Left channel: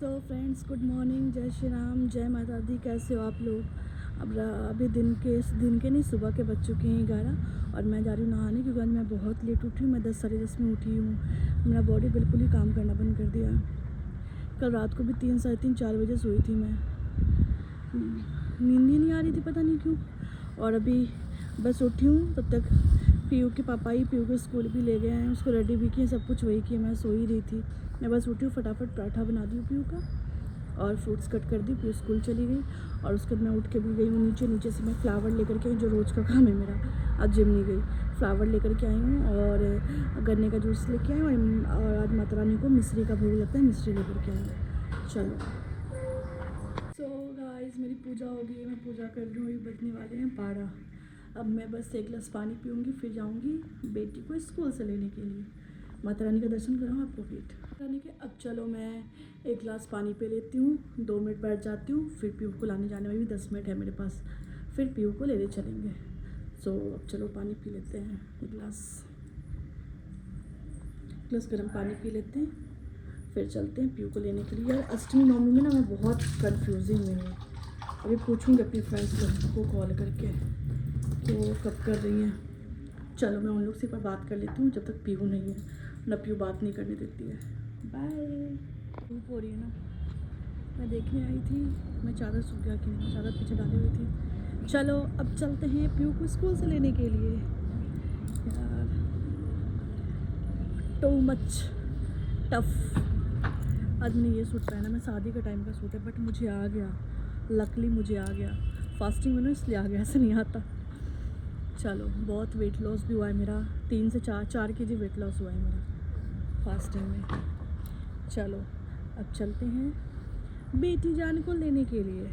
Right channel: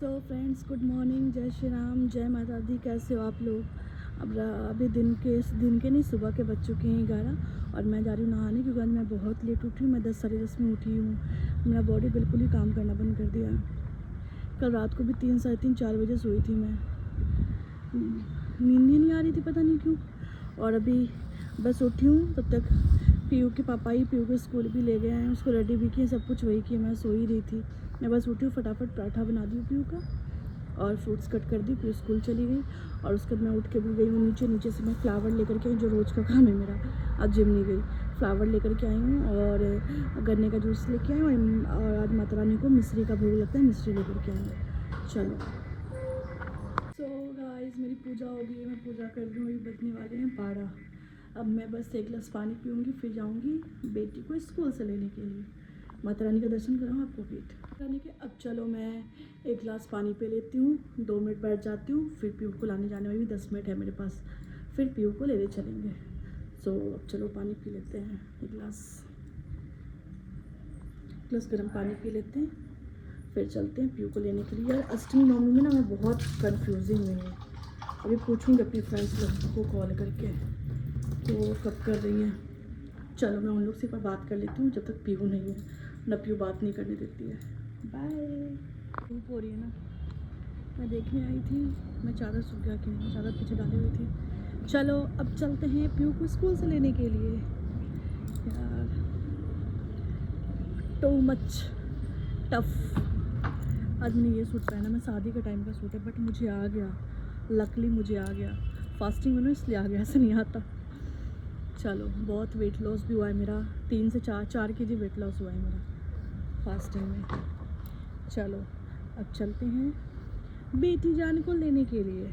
तो friends, good morning, जय श्री राम, जय माता दी। कैसे हो आप लोग? अभी दिन के नहीं, सुबह के बज चुके हैं 11 और मैं जा रही हूँ नहाने क्योंकि आज मैं बहुत लेट उठी हूँ। मैं 10 साढ़े 10 में उठी हूँ। मेरा बॉडी बिल्कुल ही काम करना बंद कर दिया। कल रात को भी 3 साढ़े 3 4 बजे सोई थी मैं। नींद ही नहीं आ रही थी, पता नहीं क्यों। और अभी बस उठी हूँ, तब तक पीयू के पापा ही पीयू को स्कूल भी ले गए हैं, उसको रेडी भी किए, सब कुछ वही किए। मैं सो ही रही थी। मैं बस उठी हूँ, फटाफट पराठा बना दी पीयू का और फ्रूट्स कट कर दी। पीयू स्कूल चली गई और उसके बाद मैं उठ के भी गई हूँ नीचे से मैं फ्लावर लेकर के आई, जो रोज़ का काम है मेरा। आज जिम नहीं गई, फ्लावर लेकर के आई हूँ और गन्ने का जूस लेके आई हूँ। और आज माता रानी को मिश्री का भोग लगता है, मिश्री लेकर के आई हूँ। चलो गाइस, मेरी पूजा हो गई है, मैं पूजा कर रही हूँ। अभी बजने वाले हैं 12। अब मैं बस एक गिलास पानी पीऊँगी, फिर जाऊँगी बेटी को स्कूल से लेने के लिए। माता रानी का दर्शन कराऊँ आपको वेट करने के। अब चलो मैं एक गिलास पानी पी लेती हूँ, 2 मिनट बैठ जाती हूँ, फिर पीयू को लाने जाने में भी 10 मिनट है मेरे पास, फिर पीयू को लेने चलेंगे। अब चलो पानी पी लेते हैं, एक गिलास गर्म पानी पी लेते हैं, फिर चलते हैं पीयू को लेने के लिए। यार अष्टमी नवमी में ना मैं बहुत कंफ्यूजिंग में हूँ। अभी पूछूंगी अपनी फ्रेंड्स को कॉल करके कि वो कब कर रही हैं। चलो मैं उन लोग से एक बार बात कर लेती हूँ जब तक पीयू नहीं है, ना पीयू बात नहीं करने देती है। बाय। धूप हो रही है ना, मैं देखने आई थी, मैं चादर सूख गया कि नहीं, चादर पीछे डाली हुई थी। चलो अब चलते हैं पीयू को स्कूल से लेने के लिए। यार टू मच टफ। आज मैंने ये सूट पहना, मैं शादी के टाइम का सूट है, बट मुझे आ गया, लकली मुझे आ गया। फास्टिंग में ना इसलिए आ गया, ऐसा नहीं आता। चलो बहुत वेट लॉस भी हुआ है मेरा, 3 से 4 केजी वेट लॉस हुआ है मेरा फास्टिंग में। चलो अब चलते हैं बेटी जान को लेने के लिए।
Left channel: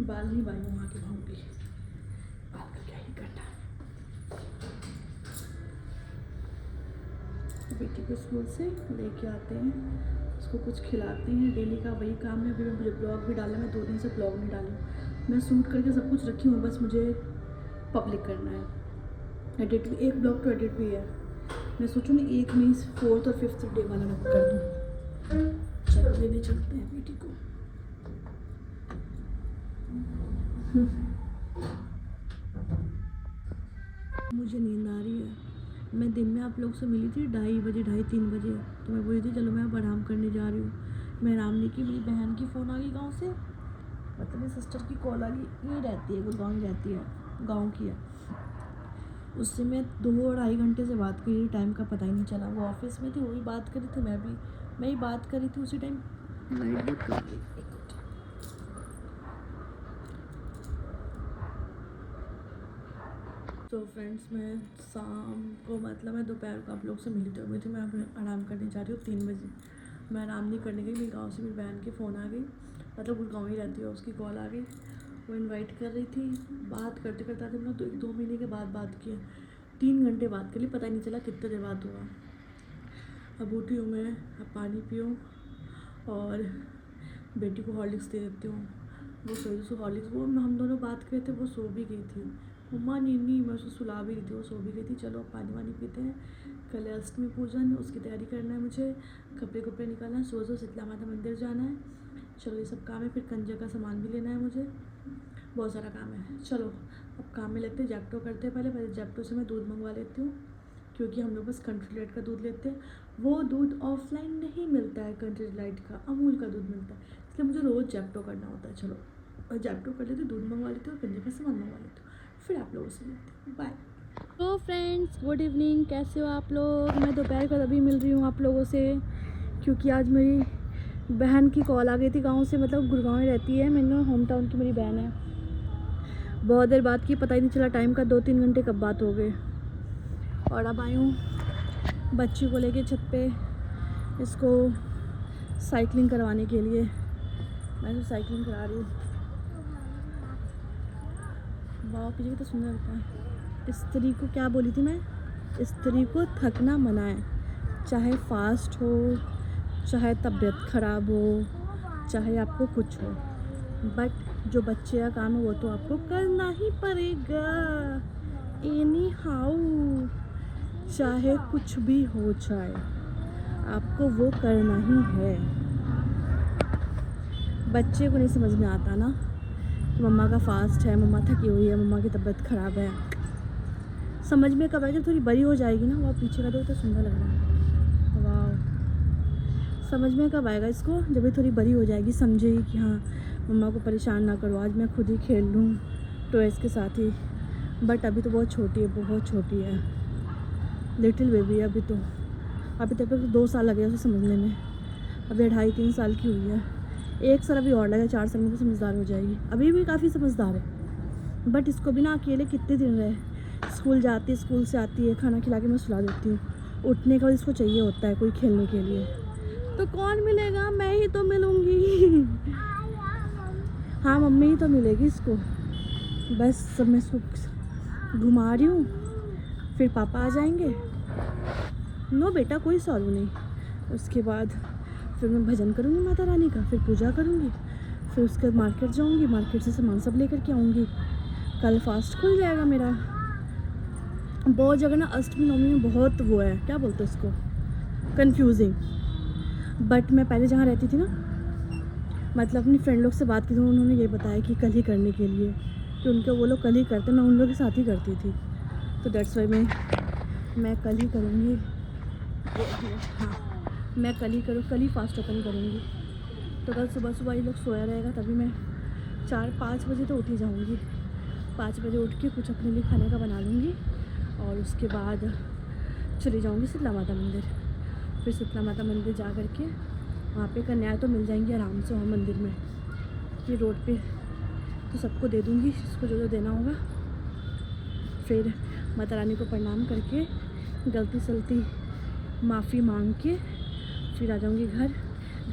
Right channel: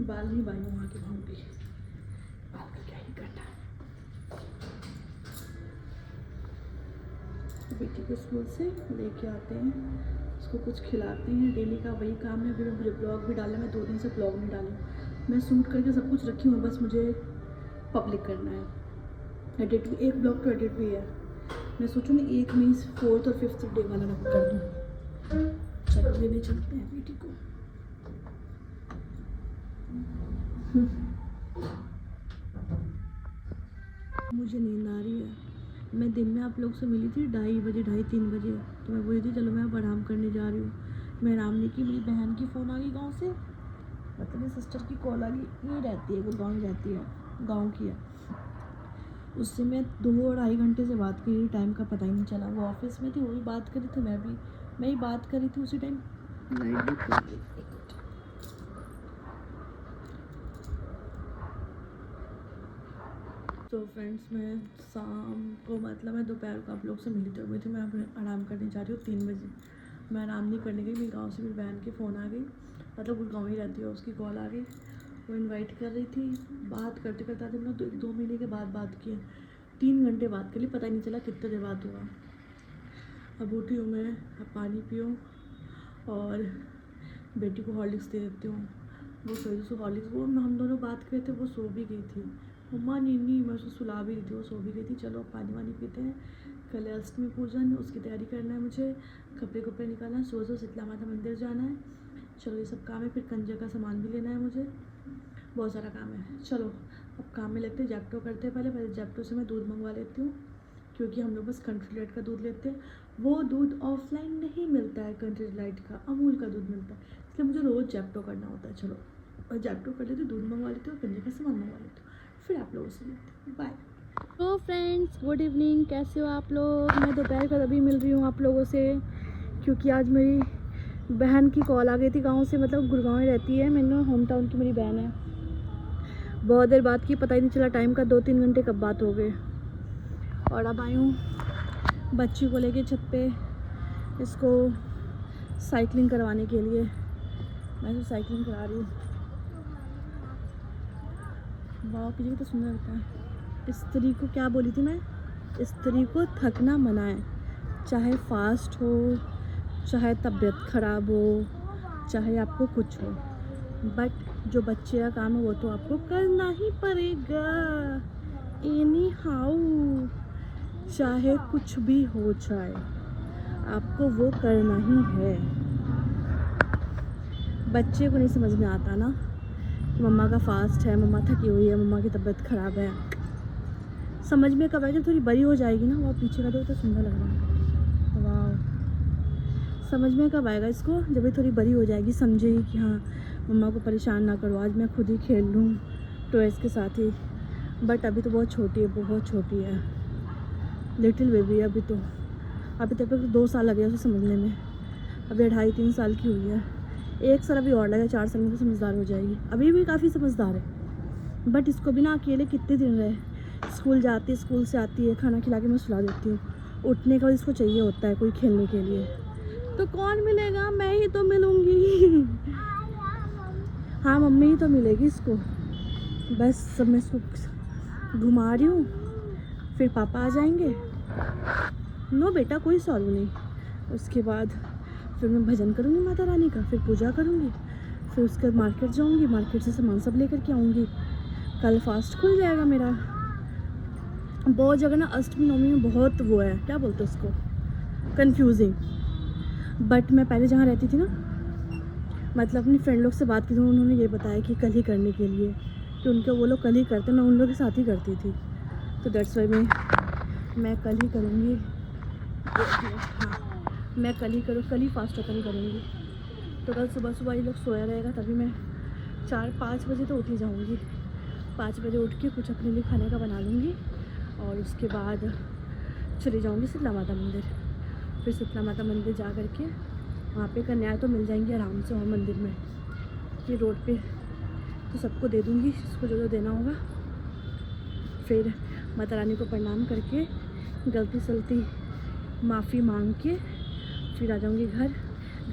बाल नहीं बाई वहाँ के होंगे, बाल का क्या ही करना है। बेटी को स्कूल से लेके आते हैं, उसको कुछ खिलाते हैं, डेली का वही काम है। अभी मैं ब्लॉग भी डाला, मैं 2 दिन से ब्लॉग नहीं डाली। मैं शूट करके सब कुछ रखी हूँ, बस मुझे पब्लिक करना है। एडिट भी, एक ब्लॉग तो एडिट भी है। मैं सोचूँ मैं एक में 4th और 5th डे वाला मैं कर दूँ। चलो लेने चलते हैं बेटी को। मुझे नींद आ रही है। मैं दिन में आप लोग से मिली थी 2:30 बजे, 2:30-3 बजे, तो मैं बोली थी चलो मैं अब आराम करने जा रही हूँ। मैं आराम नहीं की, मेरी बहन की फ़ोन आ गई गांव से, मतलब मेरी सिस्टर की कॉल आ गई। नहीं रहती है, गुड़गांव में रहती है, गांव की है। उससे मैं 2-2.5 घंटे से बात की, टाइम का पता ही नहीं चला। वो ऑफिस में थी, वो भी बात करी थी, मैं ही बात करी थी उसी टाइम। तो फ्रेंड्स, मैं शाम को, मतलब मैं दोपहर को आप लोग से मिलते हुए थे, मैं आराम करने जा रही हूँ 3 बजे। मैं आराम नहीं करने गई, मेरी गांव से मेरी बहन की फ़ोन आ गई, मतलब गुड़गांव ही रहती है, उसकी कॉल आ गई। वो इनवाइट कर रही थी, बात करते करते आज हम लोग 2 महीने के बाद बात किए, 3 घंटे बात कर ली, पता ही नहीं चला कितने देर बात हुआ। अब उठी हूँ मैं, अब पानी पीऊँ और बेटी को हॉर्लिक्स दे देती हूँ। वो सोई, उसको हॉर्लिक्स, वो हम दोनों बात कर रहे थे, वो सो भी गई थी। मम्मा नीनी, मैं उसको सुला भी रही थी, वो सो भी गई थी। चलो पानी वानी पीते हैं, कल है अष्टमी पूजन, उसकी तैयारी करना है मुझे, कपड़े निकालना है, सो शीतला माता मंदिर जाना है। चलो ये सब काम है, फिर कंजे का सामान भी लेना है मुझे, बहुत सारा काम है। चलो अब काम में लगते हैं, जैप्टो करते हैं। पहले जैप्टो से मैं दूध मंगवा लेती हूँ, क्योंकि हम लोग बस कंट्री लाइट का दूध लेते हैं। वो दूध ऑफलाइन नहीं मिलता है, कंट्री लाइट का अमूल का दूध मिलता है, इसलिए मुझे रोज़ जैप्टो करना होता है। चलो और जैप्टो कर लेते, दूध मंगवा लेती हूँ, कंजे का सामान मंगवा लेती हूँ, फिर आप लोगों से मिलते हैं। बाय। तो फ्रेंड्स, गुड इवनिंग, कैसे हो आप लोग? मैं दोपहर को अभी मिल रही हूँ आप लोगों से, क्योंकि आज मेरी बहन की कॉल आ गई थी गाँव से, मतलब गुड़गांव में रहती है, मेरे होम टाउन की मेरी बहन है। बहुत देर बात की, पता ही नहीं चला टाइम का, 2-3 घंटे कब बात हो गए। और अब आई हूँ बच्ची को लेके छत पे, इसको साइकिलिंग करवाने के लिए। मैं तो साइकिलिंग करा रही हूँ, वाह कितनी तो सुंदर लगता है। स्त्री को क्या बोली थी मैं, स्त्री को थकना मना है, चाहे फास्ट हो, चाहे तबीयत ख़राब हो, चाहे आपको कुछ हो, बट जो बच्चे का काम है वो तो आपको करना ही पड़ेगा एनी हाउ, चाहे कुछ भी हो जाए। आपको वो करना ही है। बच्चे को नहीं समझ में आता ना कि मम्मा का फास्ट है, मम्मा थकी हुई है, मम्मा की तबीयत ख़राब है। समझ में कब आएगी? जब थोड़ी बड़ी हो जाएगी ना। वो पीछे का तो सुंदर लग रहा है। वाह, समझ में कब आएगा इसको? जब ये थोड़ी बड़ी हो जाएगी, समझेगी कि हाँ मम्मा को परेशान ना करो, आज मैं खुद ही खेल लूँ टॉयज़ के साथ ही। बट अभी तो बहुत छोटी है, बहुत छोटी है, लिटिल बेबी है अभी तो। अभी तक तो 2 साल लगे उसे समझने में, अभी 2.5-3 साल की हुई है। 1 साल अभी और लगे, 4 साल में तो समझदार हो जाएगी। अभी भी काफ़ी समझदार है, बट इसको भी ना अकेले कितने दिन रहे। स्कूल जाती है, स्कूल से आती है, खाना खिला के मैं सुला देती हूँ। उठने का इसको चाहिए होता है कोई खेलने के लिए। तो कौन मिलेगा? मैं ही तो मिलूँगी। हाँ मम्मी ही तो मिलेगी इसको। बस सब मैं इसको घुमा रही हूँ, फिर पापा आ जाएंगे। नो बेटा, कोई सॉल्व नहीं। उसके बाद फिर मैं भजन करूँगी माता रानी का, फिर पूजा करूँगी, फिर उसके बाद मार्केट जाऊँगी, मार्केट से सामान सब लेकर के आऊँगी। कल फास्ट खुल जाएगा मेरा। बहुत जगह ना अष्टमी नवमी में बहुत वो है, क्या बोलते हैं उसको, कंफ्यूजिंग। बट मैं पहले जहाँ रहती थी ना, मतलब अपनी फ्रेंड लोग से बात की थी, उन्होंने ये बताया कि कल ही करने के लिए, कि उनके वो लोग कल ही करते, मैं उन लोगों के साथ ही करती थी। तो दैट्स वाई मैं कल ही करूँगी। हाँ, मैं कल ही फास्ट ओपन करूँगी। तो कल सुबह सुबह ये लोग सोया रहेगा, तभी मैं 4-5 बजे तो उठ ही जाऊँगी। 5 बजे उठ के कुछ अपने लिए खाने का बना लूँगी और उसके बाद चली जाऊँगी शीतला माता मंदिर। फिर शीतला माता मंदिर जा कर के वहाँ पे कन्याएँ तो मिल जाएंगी आराम से वहाँ मंदिर में, ये रोड पे। तो सबको दे दूँगी जिसको जो जो देना होगा। फिर माता रानी को प्रणाम करके गलती सलती माफ़ी मांग के फिर आ जाऊँगी घर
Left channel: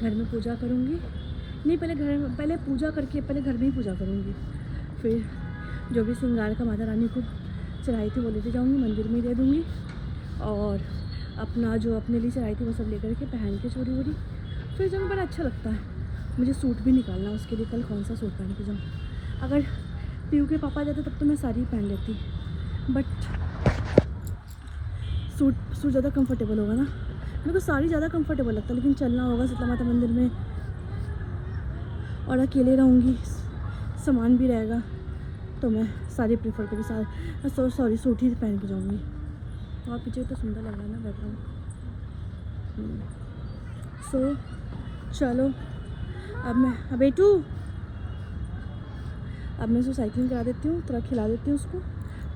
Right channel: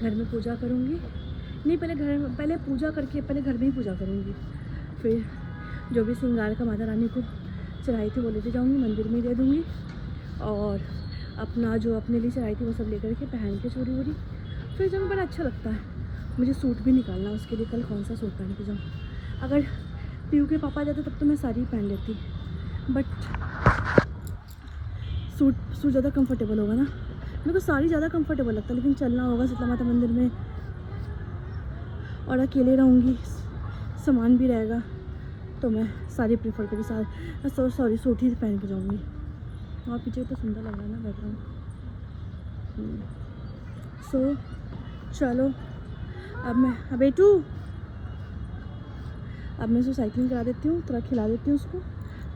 में पूजा करूँगी। नहीं, पहले पूजा करके पहले घर में ही पूजा करूँगी। फिर जो भी श्रृंगार का माता रानी को चढ़ाई थी वो लेते जाऊँगी, मंदिर में ही दे दूँगी। और अपना जो अपने लिए चढ़ाई थी वो सब लेकर के पहन के चूड़ी वूड़ी फिर जाऊँ। बड़ा अच्छा लगता है। मुझे सूट भी निकालना उसके लिए, कल कौन सा सूट पहन के जाऊँ। अगर पीयू के पापा जाते तब तो मैं साड़ी पहन लेती, बट सूट ज़्यादा कंफर्टेबल होगा ना। मेरे को साड़ी ज़्यादा कंफर्टेबल लगता है, लेकिन चलना होगा शीतला माता मंदिर में और अकेले रहूँगी, सामान भी रहेगा, तो मैं साड़ी प्रेफर करूँगी। सॉरी सूट ही पहन के जाऊँगी। वहाँ पीछे तो सुंदर लग रहा है ना, लग रहा है। सो चलो अब बेटू, अब मैं उसको साइकिलिंग करा देती हूँ, थोड़ा खिला देती हूँ उसको,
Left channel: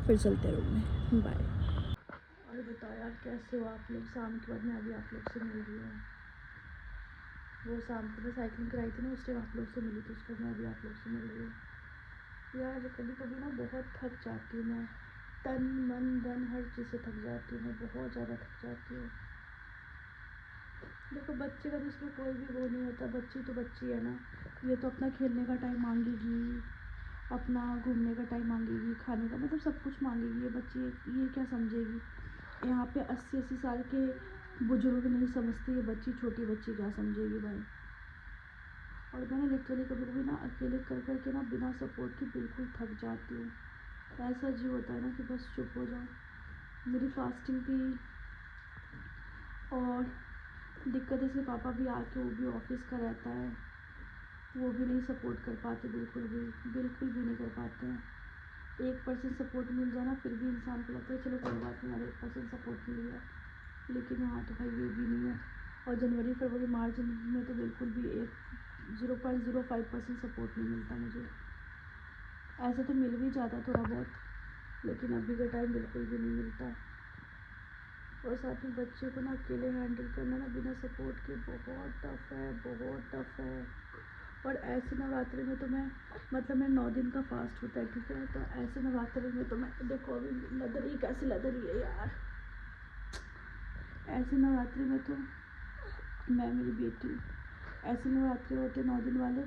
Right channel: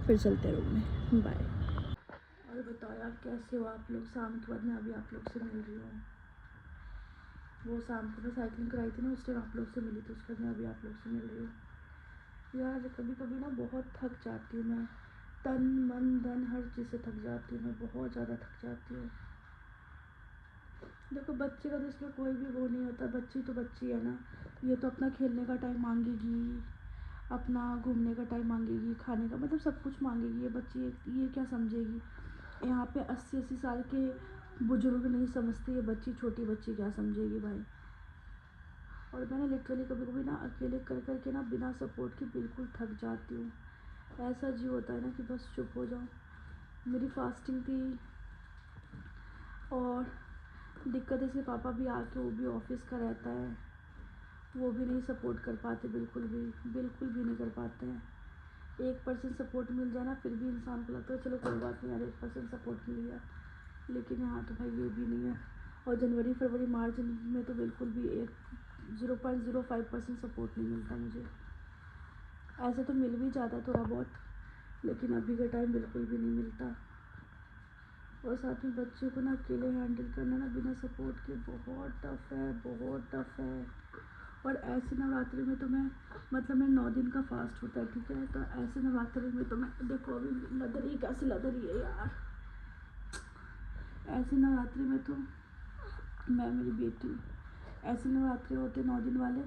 फिर चलते रूम में। बाय। और बताओ यार कैसे हो आप लोग? शाम के बाद मैं अभी आप लोग से मिल रही हूँ। वो शाम को मैं साइकिलिंग कराई थी ना, उस टाइम आप लोग से मिली, तो उसके बाद मैं अभी आप लोग से मिल रही हूँ। यार कभी कभी ना बहुत थक जाती हूँ मैं, तन मन धन हर चीज़ से थक जाती हूँ मैं, बहुत ज़्यादा थक जाती हूँ। देखो बच्चे का तो इसमें कोई भी वो नहीं होता, बच्ची तो बच्ची है ना। ये तो अपना खेलने का टाइम मांगेगी, अपना घूमने का टाइम मांगेगी, खाने का मतलब सब कुछ मांगेगी। ये बच्ची ये क्या समझेगी? यहाँ पे 80-80 साल के बुजुर्ग नहीं समझती, ये बच्ची छोटी बच्ची क्या समझेगी भाई। और मैंने लिटरली कभी कभी ना अकेले कर कर के ना बिना सपोर्ट के बिल्कुल थक जाती हूँ। ऐसा जी होता है ना कि बस चुप हो जाऊँ। मेरी फास्टिंग थी और दिक्कत है, पापा भी आके वो भी ऑफिस का रहता है, वो भी नहीं सपोर्ट कर पाते, बिल्कुल भी नहीं कर पाते हैं। 1% सपोर्ट मिल जाए ना, फिर भी इंसान को लगता है चलो कोई बात नहीं यार, 1% सपोर्ट मिल गया। लेकिन यहाँ तो भाई ये भी नहीं है। और जनवरी फरवरी मार्च में तो बिल्कुल भी 0.05% सपोर्ट नहीं मिलता मुझे। ऐसे तो मिल भी जाता है थोड़ा बहुत, लेकिन अभी का टाइम बिल्कुल भी नहीं मिलता। और साथ में बच्चे को ना अकेले हैंडल करना ना बिना सपोर्ट के बहुत टफ है, बहुत टफ है। और ऐसे नवरात्रि में तो मैं मतलब मैं 9 दिन का फास्ट होता है, ठीक है। तो ऐसे नवरात्रि में तो मैं देखो अभी लग रही कैसी लग रही है यार। ऐसे नवरात्रि में तो मैं मेरी बेटी ऐसे नवरात्रि होते 9 दिन वाले,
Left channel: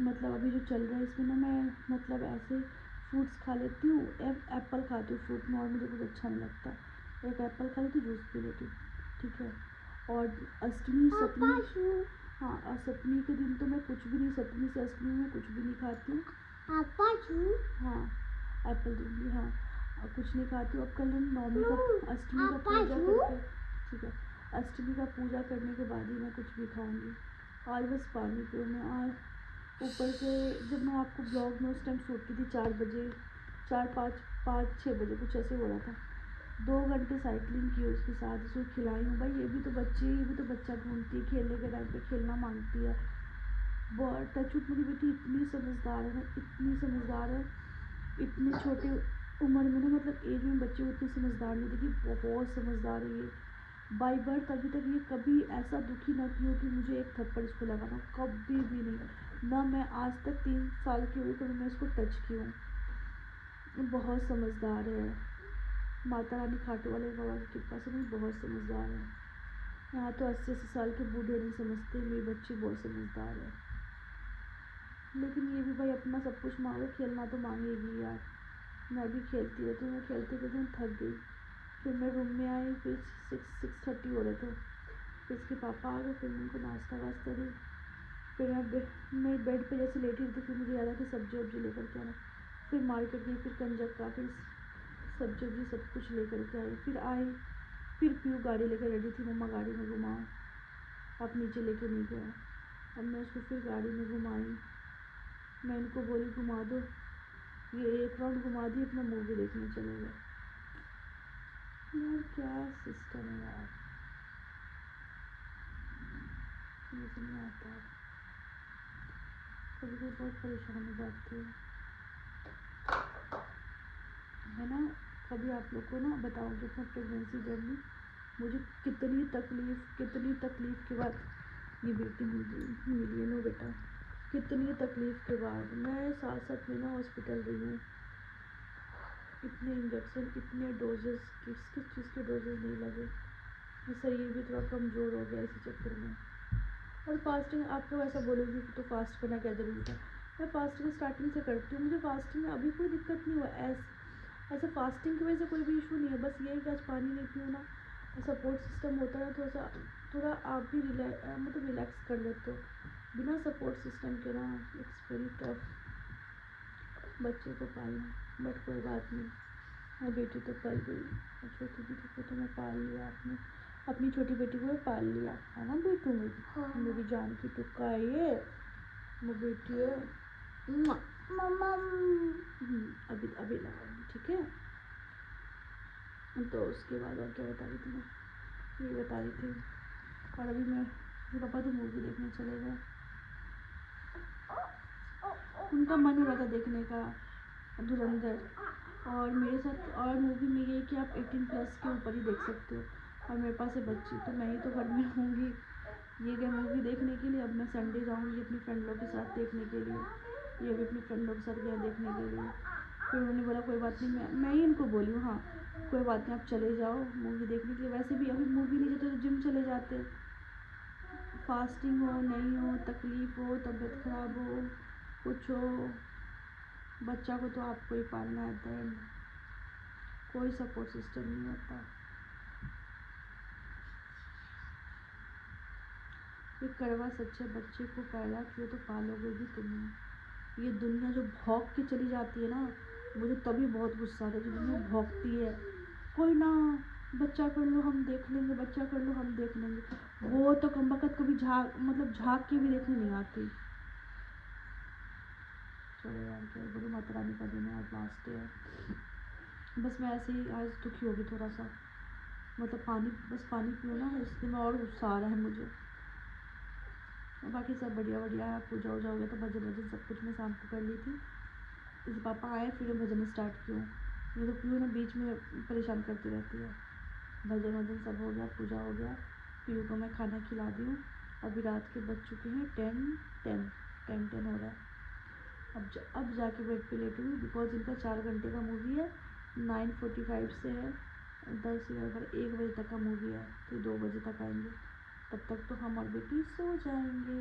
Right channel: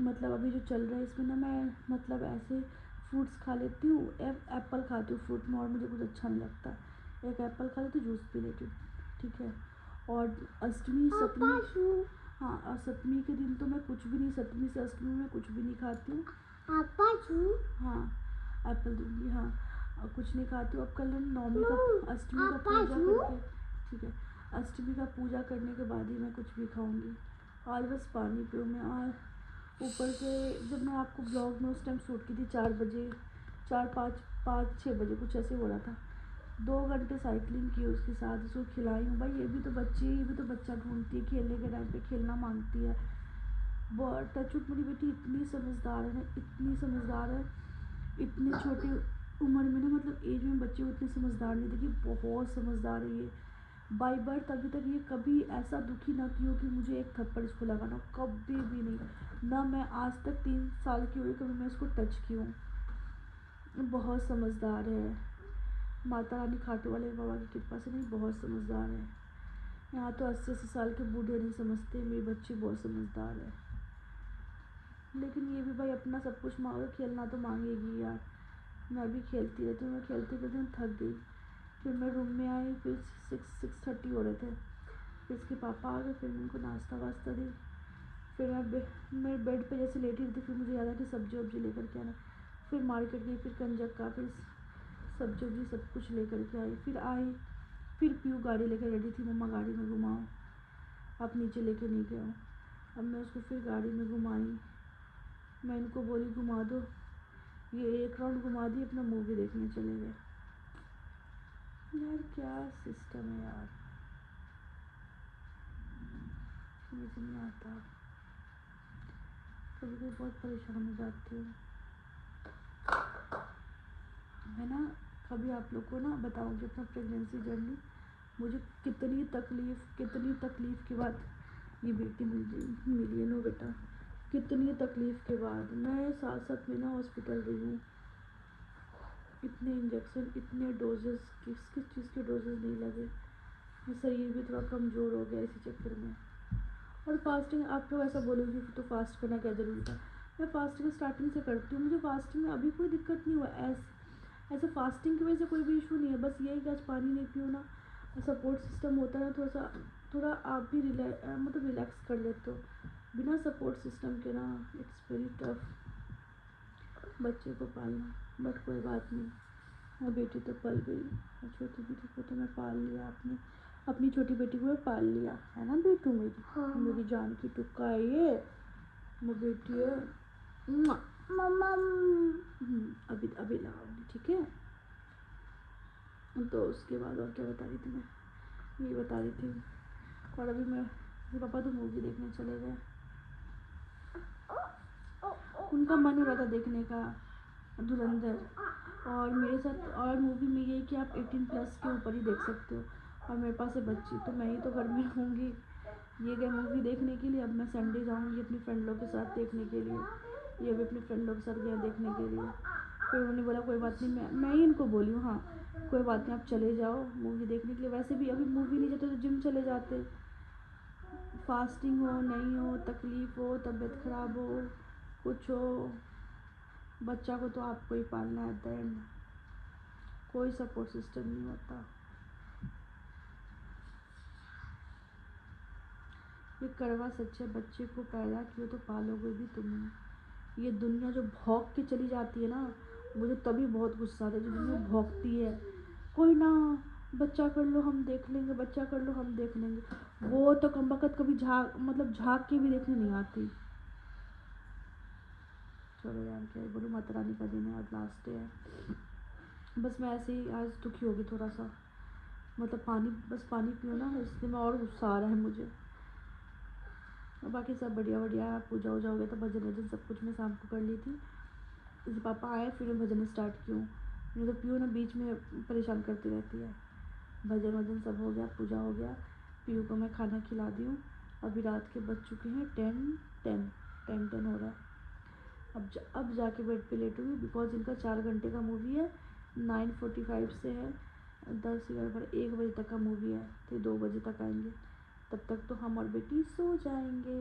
मतलब अभी जो चल रहा है इसमें ना मैं मतलब ऐसे फ्रूट्स खा लेती हूँ। एप्पल खाती हूँ फ्रूट में, और मुझे कुछ अच्छा नहीं लगता। एक एप्पल खा लेती हूँ, जूस पी लेती हूँ, ठीक है। और अष्टमी सप्तमी, हाँ और सप्तमी के दिन तो मैं कुछ भी नहीं, सप्तमी से अष्टमी में कुछ भी नहीं खाती हूँ। हाँ एप्पल दूँगी, हाँ और कुछ नहीं खाती हूँ। अब कल नवमी का अष्टमी का पूजा करके, ठीक है, अष्टमी का पूजा करने के बाद ही मैं कुछ भी खाऊंगी। आज बस पानी पीऊँगी। और ऊपर से जब मैं आपको ब्लॉग में उस टाइम शूट की थी 4 बजे, 4-5-6 बजे कुछ ऐसे हो रहा था। 2 घंटे साइकिलिंग की उसके साथ, उसको खिलाई हूँ। भाई ये भी तो बच्चा ढूंढती है, खेलने के टाइम पे खेलना मांगती है। बहुत टचवुड मेरी बेटी इतनी समझदार है ना, इतनी समझदार है। इतने छोटे उम्र में ना, मतलब एज में बच्चे को इतनी समझदार नहीं थी कि बहुत समझदार है ये। बाई बर्थ अभी तक ये कभी ऐसा दुखी ना की हो कि मुझे एक थप्पड़ इसको लगाना, कभी भी नहीं। ना मैं आज तक 3 साल की हुई कभी मैं इसको टच की हूँ। बहुत समझदार है। माता रानी खाटू वाले बाबा की कृपा से नहीं, बहुत समझदार है। यहाँ तो 80-80 साल के बूढ़े नहीं समझते, मेरी बच्ची बहुत समझदार है। लेकिन ये भी भाई अपना सब कुछ मांगो, खेलना तो मांगेगी यार। मैं भी खेलती रहती हूँ, मैं खेलते खेलते थक गई। फिर मैं रूम में आई, फिर 6:30 हो रहे थे। फिर इसके पापा आ गए, फिर उनको नाश्ता वास्ता दी। फिर मैं बेड पे जैसे लेटी थी, फिर मुझे याद है कि सब्जी वब्जी लेकर के आना। फिर मार्केट गई, फिर कंजक का, फिर सब्जी वब्जी सब कुछ लेकर के आई। फिर आई, फिर पीयू गाड़ी लेकर रेडी थी, मम्मा गाड़ी में घुमाओ, आप नीचे लेके नहीं गए। अब मैं उसको फिर गाड़ी में घुमाई। मैं इनको बोली घुमा दो, ये 1 राउंड घुमा दी, अपना मूवी देखने चले गए। यार क्या सिस्टम है यार, समझ नहीं आता। कभी कभी बहुत परेशान हो जाती हूँ मैं ना। कभी आप लोग को ना बताऊँगी अपना प्रेगनेंसी जर्नी, मुझे कितनी तकलीफ़ के बाद ये बेटी मिली है ना बेटा। कितनी तकलीफ़ के बाद मैं 7 महीना हॉस्पिटल रही हूँ। इतने इंजेक्शन, इतने डोजेस, किस चीज़ के डोजेस नहीं लगे। शरीर भी थोड़ा कमज़ोर हो गया इसी चक्कर में। और फास्टिंग, आप लोग ऐसा बोलोगे कि तो फास्ट करना क्या ज़रूरत है। मैं फास्टिंग स्टार्टिंग से करती हूँ, मुझे फास्टिंग में अभी कोई दिक्कत नहीं हुआ। ऐसा फास्टिंग की वजह से कोई भी इशू नहीं है। बस ये है कि आज पानी नहीं पियो ना, सपोर्ट सिस्टम होता है थोड़ा आप भी मतलब रिलैक्स कर लेते हो। बिना सपोर्ट सिस्टम के ना इट्स वेरी टफ बच्चे को पालना। बट कोई बात नहीं, हाँ बेटी तो पल गई, छोटी बेटी को तो मैं पाल लिया। आपने अपनी छोटी बेटी को पाल लिया है ना बेटू मेरी। हाँ। मेरी जान की टुक्का है ये, वो बेटी है। मम्मा अभी अभी लगाऊंगी, ठीक है। तो उसके बाद और क्या बता रही थी मैं, ये बता रही थी। और अभी मैं पापा तो मूवी देखने चले गए, उनका मन हो रहा था देखने का धुरंधर। और मेरे साथ और मूवी में ये है कि आप 18+ के ऊपर ही देख सकते हो। और मेरे पास है बच्ची, तो मैं ही तो घर में रहूँगी। ये गए मूवी देखने के लिए, अब मैं संडे जाऊँगी अपनी फ्रेंड लोग के साथ देखने के लिए। ये भी अपने फ्रेंड लोग के साथ गए देखने के लिए। फिर उन्होंने बोला कोई बात नहीं, मैं ही इनको बोली हूँ, हाँ कोई बात नहीं आप चले जाओ मूवी देखने के लिए। वैसे भी अभी मूवी नहीं जाते तो जिम चले जाते। फास्टिंग हो नहीं हो, तकलीफ़ हो, तबीयत ख़राब हो, कुछ हो, बच्चा को तो आपको ही पालना है। एट द एंड कोई सपोर्ट सिस्टम नहीं होता। ये कड़वा सच है, बच्चे को पैदा किए तो पालोगे भी तुम। ये दुनिया जो भौंक के चली जाती है ना, मुझे तभी बहुत गुस्सा आता है। जो दुनिया भौंकती है, कोई ना बच्चा कर लो हम देख लेंगे, बच्चा कर लो हम देख लेंगे, वो तो कमबख्त कभी झाँक के भी देखने नहीं आती। चलो यार क्या बोलो, माता रानी का दिन है, आज लास्ट डे है। बस मैं ऐसे ही आज दुखी होगी थोड़ा सा, मतलब बस पानी पियो ना, इसलिए मैं और गुस्सा आ रहा है मुझे। और बाकी सब बढ़िया है। पूजा वूजा हो गया, तो भजन सब कुछ मैं शाम को कर ली थी। जैसे पापा आए फिर मैं भजन स्टार्ट की हूँ। नहीं तो पीयू ना बीच में परेशान करती रहती है। भजन सब हो गया, पूजा हो गया, पीयू को मैं खाना खिला दी हूँ। अभी रात के बज चुके हैं 10 हो रहा है। अब जाके बेड पे लेटूँगी, बिकॉज इनका 4 घंटे का मूवी है। 9:45 से है 10, 11, 1 बजे तक का मूवी है, तो 2 बजे तक आएंगे। तब तक तो हम और बेटी सो जाएंगे।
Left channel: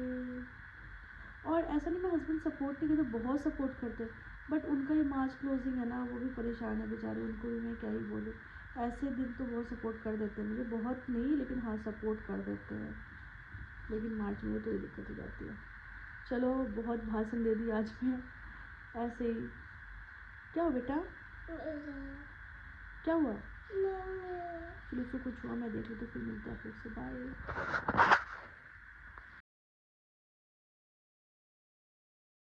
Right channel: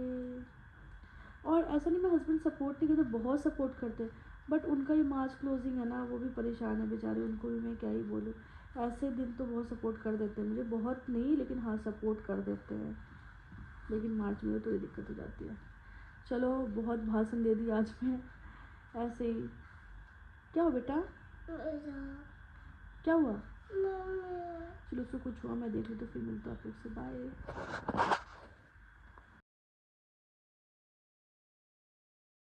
और ऐसा नहीं, मैं हस्बैंड सपोर्ट नहीं करते, बहुत सपोर्ट करते हैं। बट उनका ही मार्च क्लोजिंग है ना, वो भी परेशान है बेचारे, उनको भी मैं क्या ही बोलूँ। ऐसे दिन तो बहुत सपोर्ट कर देते हैं मुझे, बहुत नहीं लेकिन हाँ सपोर्ट कर देते हैं। लेकिन मार्च में थोड़ी दिक्कत हो जाती है। चलो बहुत भाषण दे दी आज मैं, ऐसे ही। क्या हुआ बेटा, क्या हुआ? चलो उसको कुछ हुआ मैं देख लूँ तो फिर मिलता हूँ, फिर से बाय।